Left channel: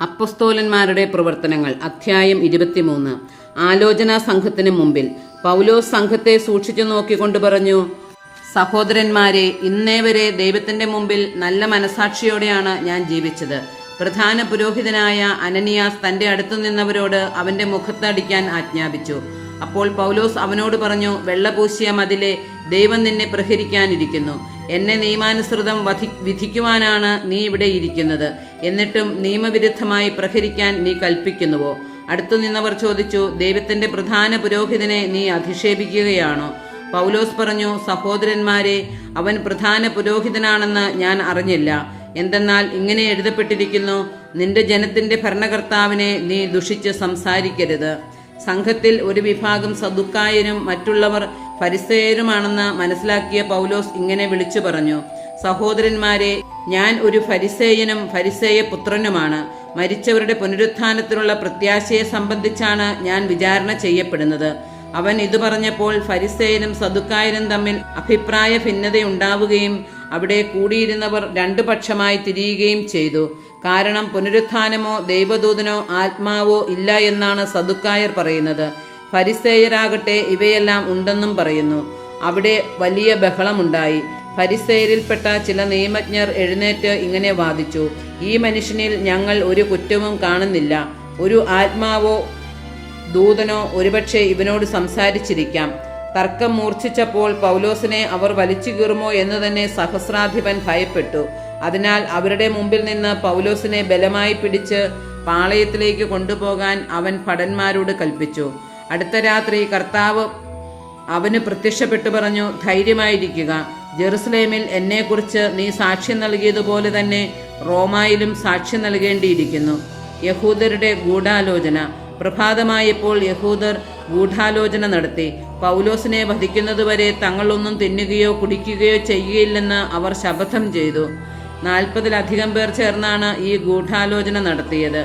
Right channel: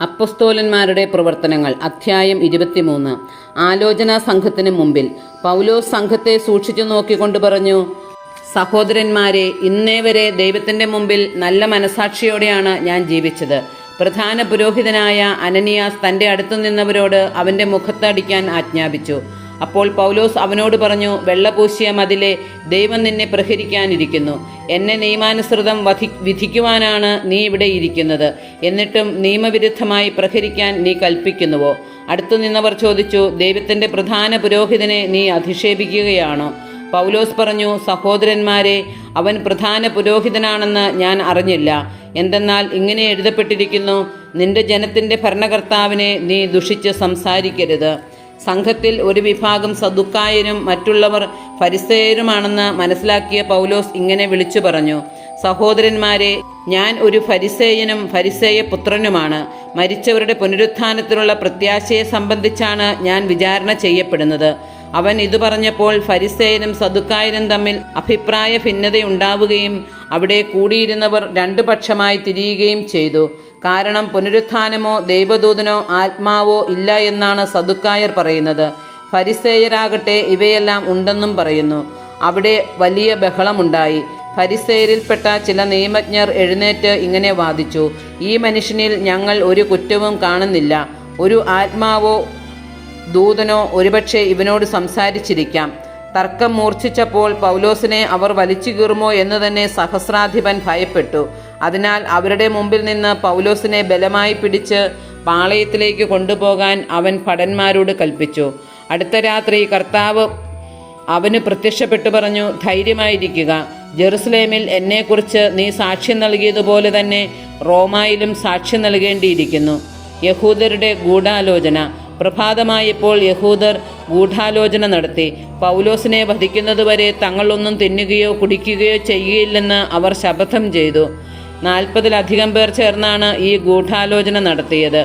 അപ്പൊസ്തോലന്മാരുടെ പ്രവർത്തനങ്ങൾ അധ്യായം 23. ആലോചനാ സംഘത്തിന് മുമ്പിൽ. പൗലോസ് സംഘത്തെ സൂക്ഷിച്ചു നോക്കിക്കൊണ്ട് പറഞ്ഞു, സഹോദരന്മാരെ, ഇന്നേ വരെ ദൈവത്തിന്റെ മുമ്പിൽ നല്ല മനസാക്ഷിയോടെയാണ് ഞാൻ ജീവിച്ചത്. പ്രധാന പുരോഹിതനായ അനനിയാസ് തന്റെ അടുത്തു നിന്നവരോട് അവന്റെ മുഖത്ത് അടിക്കാൻ ആജ്ഞാപിച്ചു. അപ്പോൾ പൗലോസ് അവനോട് പറഞ്ഞു, വെള്ളപൂശിയ മതിലെ, ദൈവം നിന്നെ പ്രഹരിക്കാനിരിക്കുന്നു. എന്നെ നിയമാനുസൃതം വിധിക്കുവാനാണ് നീ ഇവിടെ ഇരിക്കുന്നത്. എന്നിട്ടും നിയമവിരുദ്ധമായി പ്രഹരിക്കാൻ നീ കൽപ്പിക്കുന്നുവോ? അടുത്തു നിന്നവർ ചോദിച്ചു, ദൈവത്തിന്റെ പ്രധാന പുരോഹിതനെ നീ അധിക്ഷേപിക്കുകയാണോ? പൗലോസ് പറഞ്ഞു, സഹോദരന്മാരെ, അവൻ പ്രധാന പുരോഹിതനാണെന്ന് ഞാൻ അറിഞ്ഞില്ല. എന്തെന്നാൽ ഇങ്ങനെ എഴുതപ്പെട്ടിരിക്കുന്നു, നിന്റെ ജനത്തിന്റെ ഭരണകർത്താവിനെ നീ ദുഷിച്ച് സംസാരിക്കരുത്. സംഘത്തിൽ ഒരു വിഭാഗം സദുക്കായരും മറ്റുള്ളവർ ഫരിസേയരുമാണെന്ന് മനസ്സിലാക്കിയ പൗലോസ് ഇങ്ങനെ വിളിച്ചു പറഞ്ഞു, സഹോദരന്മാരെ, ഞാൻ ഒരു ഫരിസേയനും ഫരിസേയ പുത്രനുമാണ്. മരിച്ചവരുടെ പുനരുത്ഥാനത്തിനുള്ള പ്രത്യാശയെ സംബന്ധിച്ചാണ് ഞാൻ വിചാരണ ചെയ്യപ്പെടുന്നത്. അവൻ ഇത് പറഞ്ഞപ്പോൾ ഫരിസേയരും സദുക്കായരും തമ്മിൽ അഭിപ്രായ ഭിന്നതയുണ്ടാവുകയും അവിടെ കൂടിയിരുന്നവർ രണ്ടു പക്ഷമായി തിരിയുകയും ചെയ്തു. കാരണം പുനരുത്ഥാനമോ ദൈവദൂതനോ ആത്മാവോ ഇല്ല എന്നാണ് സദുക്കായർ പറയുന്നത്. ഫരിസേയരാകട്ടെ ഇവയെല്ലാം ഉണ്ടെന്നും പറയുന്നു. അവിടെ വലിയ ബഹളമുണ്ടായി. ഫരിസേയരിൽപ്പെട്ട ചില നിയമജ്ഞർ എഴുന്നേറ്റ് ഇങ്ങനെ വാദിച്ചു, ഈ മനുഷ്യനിൽ ഞങ്ങൾ ഒരു കുറ്റവും കാണുന്നില്ല. ഒരു ആത്മാവോ ദൂതനോ ഒരുപക്ഷെ ഇവനോട് സംസാരിച്ചിരിക്കാം. തർക്കം മൂർച്ഛിച്ചപ്പോൾ പൗലോസിനെ അവർ വലിച്ചു കീറുമോ എന്ന് തന്നെ സഹസ്രാധിപൻ ഭയപ്പെട്ടു. അതിനാൽ അവരുടെ മുമ്പിൽ നിന്ന് പൗലോസിനെ ബലമായി പിടിച്ച് പാളയത്തിലേക്ക് കൊണ്ടുപോകാൻ അവൻ ഭടന്മാരോട് കൽപ്പിച്ചു. അടുത്ത രാത്രി കർത്താവ് അവന് പ്രത്യക്ഷപ്പെട്ടു പറഞ്ഞു, ധൈര്യമായിരിക്കുക. ജെറുസലേമിൽ എന്നെക്കുറിച്ച് നീ സാക്ഷ്യം നൽകിയതുപോലെ തന്നെ റോമായിലും സാക്ഷ്യം നൽകേണ്ടിയിരിക്കുന്നു. യഹൂദരുടെ ഗൂഢാലോചന. പ്രഭാതമായപ്പോൾ യഹൂദർ ഗൂഢാലോചന നടത്തി. പൗലോസിനെ വധിക്കുന്നതുവരെ തങ്ങളൊന്നും തിന്നുകയോ കുടിക്കുകയോ ചെയ്യുകയില്ലെന്ന് അവർ ശപഥം ചെയ്തു. 40-ലധികം പേർ ചേർന്നാണ് ഈ ഗൂഢാലോചന നടത്തിയത്.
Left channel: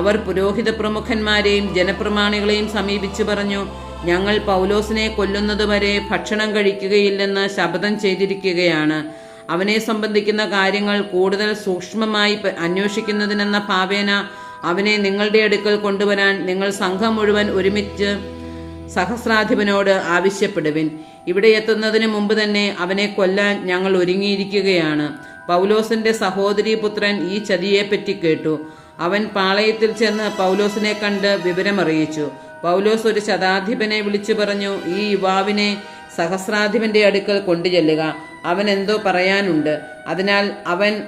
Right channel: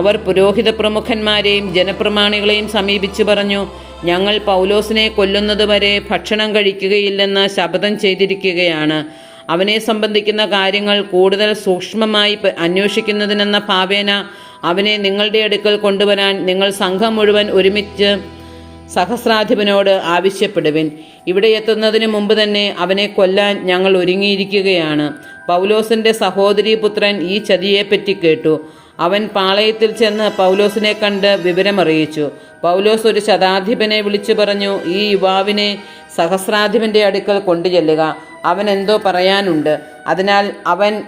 അവർ പുരോഹിത പ്രമുഖന്മാരെയും ജനപ്രമാണികളെയും സമീപിച്ചു പറഞ്ഞു, ഞങ്ങൾ പൗലോസിനെ കൊല്ലുന്നതുവരെ ഭക്ഷണം കഴിക്കുകയില്ലെന്ന് ശപഥം ചെയ്തിരിക്കുകയാണ്. അവനെ സംബന്ധിക്കുന്ന കാര്യങ്ങൾ കൂടുതൽ സൂക്ഷ്മമായി അന്വേഷിക്കുന്നതിനെന്ന ഭാവേന അവനെ നിങ്ങളുടെ അടുക്കൽ കൊണ്ടുവരാൻ നിങ്ങൾ സംഘം മുഴുവൻ ഒരുമിച്ച് സഹസ്രാധിപനോട് ആവശ്യപ്പെടുവിൻ. ഇവിടെ എത്തുന്നതിന് മുമ്പ് തന്നെ അവനെ കൊല്ലാൻ ഞങ്ങൾ ഒരുങ്ങിയിരിക്കുകയാണ്. പൗലോസിന്റെ സഹോദരീ പുത്രൻ ഈ ചതിയെപ്പറ്റി കേട്ടു. അവൻ പാളയത്തിൽ ചെന്ന് പൗലോസിനെ കണ്ട് വിവരമറിയിച്ചു. പൗലോസ് ഒരു ശതാധിപനെ വിളിച്ചു പറഞ്ഞു, ഈ യുവാവിനെ സഹസ്രാധിപന്റെ അടുക്കൽ കൊണ്ടുചെല്ലുക. അവൻ എന്തോ പറയാനുണ്ട്. അതിനാൽ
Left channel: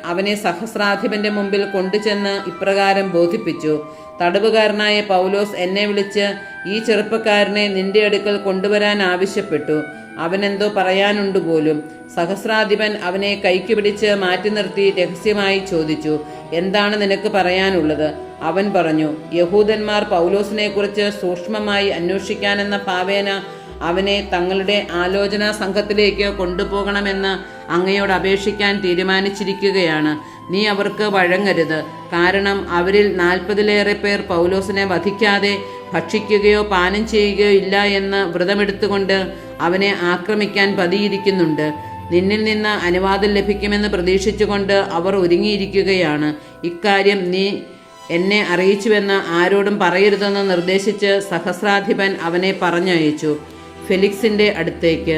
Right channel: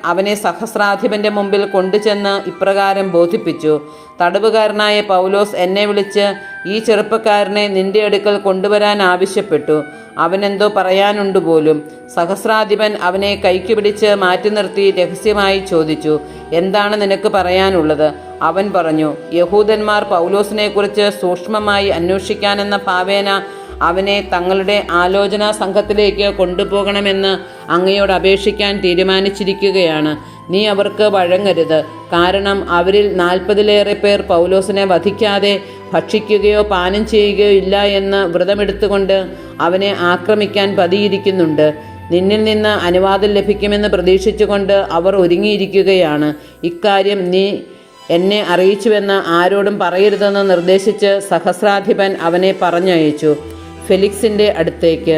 അവനെ സഹസ്രാധിപന്റെ മുമ്പിൽ കൊണ്ടുചെന്ന് ഇപ്രകാരം ബോധിപ്പിച്ചു, തടവുകാരനായ പൗലോസ് എന്നെ വിളിച്ച് ഈ ചെറുപ്പക്കാരനെ നിന്റെ അടുക്കൽ കൊണ്ടുവരാൻ ആവശ്യപ്പെട്ടു. അവനെന്തോ പറയാനുണ്ട് പോലും. സഹസ്രാധിപൻ അവനെ കൈക്ക് പിടിച്ച് മാറ്റി നിർത്തി രഹസ്യമായി ചോദിച്ചു, എന്താണ് നിനക്ക് പറയാനുള്ളത്? അവൻ പറഞ്ഞു, യഹൂദന്മാർ പൗലോസിനെ കുറിച്ച് സൂക്ഷ്മമായി അന്വേഷിക്കാനെന്ന ഭാവേന അവനെ തങ്ങളുടെ ആലോചനാ സംഘത്തിലേക്ക് കൊണ്ടുപോകണമെന്ന് അങ്ങയോട് അപേക്ഷിക്കാൻ തീരുമാനിച്ചിരിക്കുകയാണ്. നീ അവർക്ക് വഴങ്ങരുത്. കാരണം അവരിൽ 40-ലേറെ പേർ പൗലോസിനെ വധിക്കാതെ ഭക്ഷിക്കുകയോ പാനം ചെയ്യുകയോ ഇല്ല എന്ന് വ്രതമെടുത്തുകൊണ്ട് അവനെ ആക്രമിക്കാൻ പതിയിരിക്കുന്നുണ്ട്. നിന്നിൽ നിന്ന് അനുവാദം ലഭിക്കുമെന്ന് പ്രതീക്ഷിച്ചുകൊണ്ട് അവർ ഒരുങ്ങിയിരിക്കുകയാണ്. ഇക്കാര്യം നീ എന്നെ അറിയിച്ചുവെന്ന് ആരോടും പറയരുതെന്ന് നിർദ്ദേശിച്ച് സഹസ്രാധിപൻ അവനെ പറഞ്ഞയച്ചു ഫെലിക്സിന്റെ അടുത്തേക്ക്.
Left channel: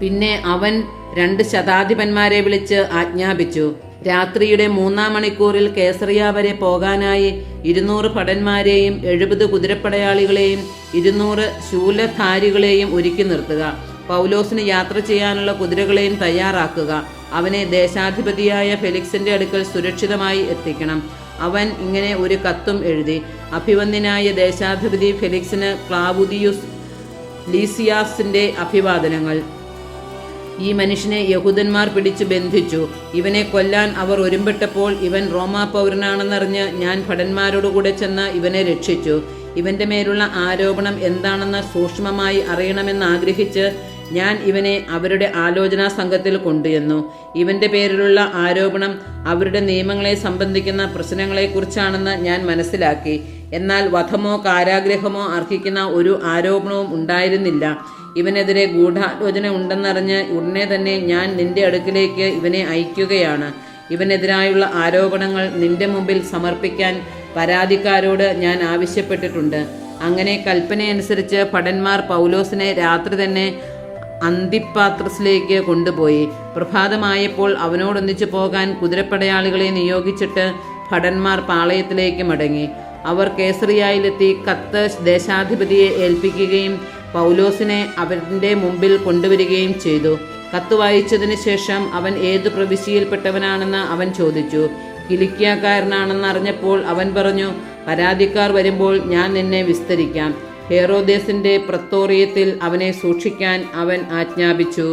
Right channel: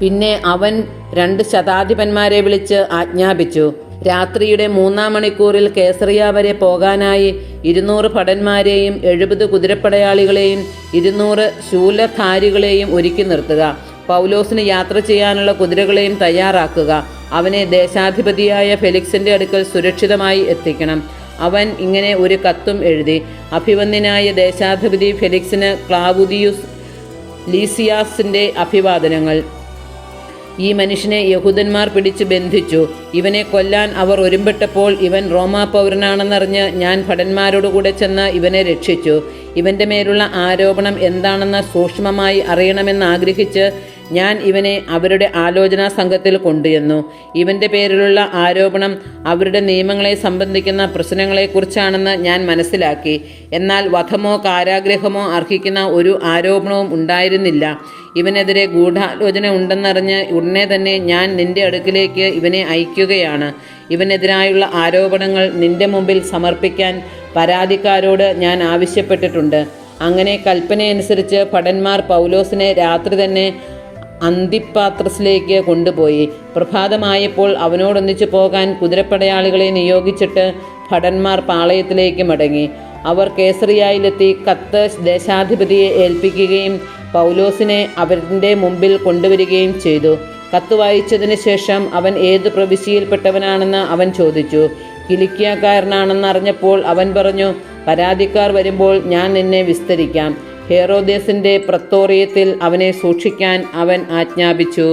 പിന്നെ അവൻ 2 ശതാധിപന്മാരെ വിളിച്ച് ആജ്ഞാപിച്ചു, രാത്രിയുടെ 3-ാം മണിക്കൂറിൽ കേസറിയ വരെ പോകാനായി 200 ഭടന്മാരെയും 70 കുതിരപ്പടയാളികളെയും 200 ശൂലധാരികളെയും ഒരുക്കി നിർത്തുക. പൗലോസിന് യാത്ര ചെയ്യാനുള്ള കുതിരകളെയും തയ്യാറാക്കുക. അവനെ ദേശാധിപതിയായ ഫെലിക്സിന്റെ അടുക്കൽ സുരക്ഷിതമായി എത്തിക്കണം. അവൻ ഇങ്ങനെ ഒരു കത്തും എഴുതി, അഭിവന്ദ്യനായ ദേശാധിപതി ഫെലിക്സിന് ക്ലാവുദിയുസ് ലീസിയാസിന്റെ അഭിവാദനങ്ങൾ. ഈ മനുഷ്യനെ യഹൂദന്മാർ പിടിച്ച് ബന്ധിച്ചു. ഇവനെ കൊല്ലാൻ അവർ ഒരുമ്പെട്ടപ്പോൾ ഇവൻ റോമാ പൗരനാണെന്നറിഞ്ഞ് ഞാൻ ഭടന്മാരോടുകൂടെ ചെന്ന് ഇവനെ രക്ഷിച്ചു. ഇവന്റെ മേലുള്ള ആരോപണം എന്താണെന്ന് സൂക്ഷ്മമായി അറിയണമെന്ന് ആഗ്രഹിച്ച് ഞാൻ ഇവനെ അവരുടെ ആലോചനാ സംഘത്തിൽ കൊണ്ടുചെന്നു. ഇവന്റെ പേരിലുള്ള ആരോപണം അവരുടെ നിയമങ്ങളെ സംബന്ധിക്കുന്ന പ്രശ്നങ്ങളെക്കുറിച്ചാണെന്ന് ഞാൻ മനസ്സിലാക്കി. എന്നാൽ വധമോ കാരാഗ്രഹമോ അർഹിക്കുന്ന ഒരു ആരോപണവും ഉണ്ടായിരുന്നില്ല. ഇവനെതിരെ ഗൂഢാലോചന ഉണ്ടെന്നറിഞ്ഞ് ഉടനെ തന്നെ ഞാൻ നിന്റെ അടുക്കിലേക്ക് ഇവനെ അയക്കുകയാണ്. ഇവനെതിരായുള്ള ആരോപണങ്ങൾ നിന്റെ മുമ്പിൽ സമർപ്പിക്കാൻ പരാതിക്കാരോട് ഞാൻ ആവശ്യപ്പെട്ടിട്ടുണ്ട്. അങ്ങനെ കൽപ്പനയനുസരിച്ച് ഭടന്മാർ പൗലോസിനെ രാത്രി തന്നെ അന്തിപ്പാത്രസിലേക്ക് കൊണ്ടുപോയി. പ്രഭാതമായപ്പോൾ അവനോടൊന്നിച്ചു പോകാൻ കുതിരപ്പടയാളികളെ നിയോഗിച്ചിട്ട് ഭടന്മാർ പാളയത്തിലേക്ക് മടങ്ങി. അവർ കേസറിയായിലെത്തി കത്ത് ദേശാധിപതിയെ ഏൽപ്പിക്കുകയും പൗലോസിനെ അവരുടെ മുമ്പിൽ കൊണ്ടുവരികയും ചെയ്തു. കത്ത് വായിച്ചതിന് ശേഷം അവൻ ഏത് പ്രവിശ്യയിൽപ്പെട്ടവനാണെന്ന് അവൻ ചോദിച്ചു. കിലിക്യക്കാരനാണെന്ന് അറിഞ്ഞപ്പോൾ അവൻ പറഞ്ഞു, പരാതിക്കാർ വരുമ്പോൾ ഞാൻ നിന്നെ വിസ്തരിക്കാം. ഹേറോദേസിന്റെ പ്രത്തോറിയത്തിൽ അവനെ സൂക്ഷിക്കാൻ അവൻ ആജ്ഞാപിച്ചു.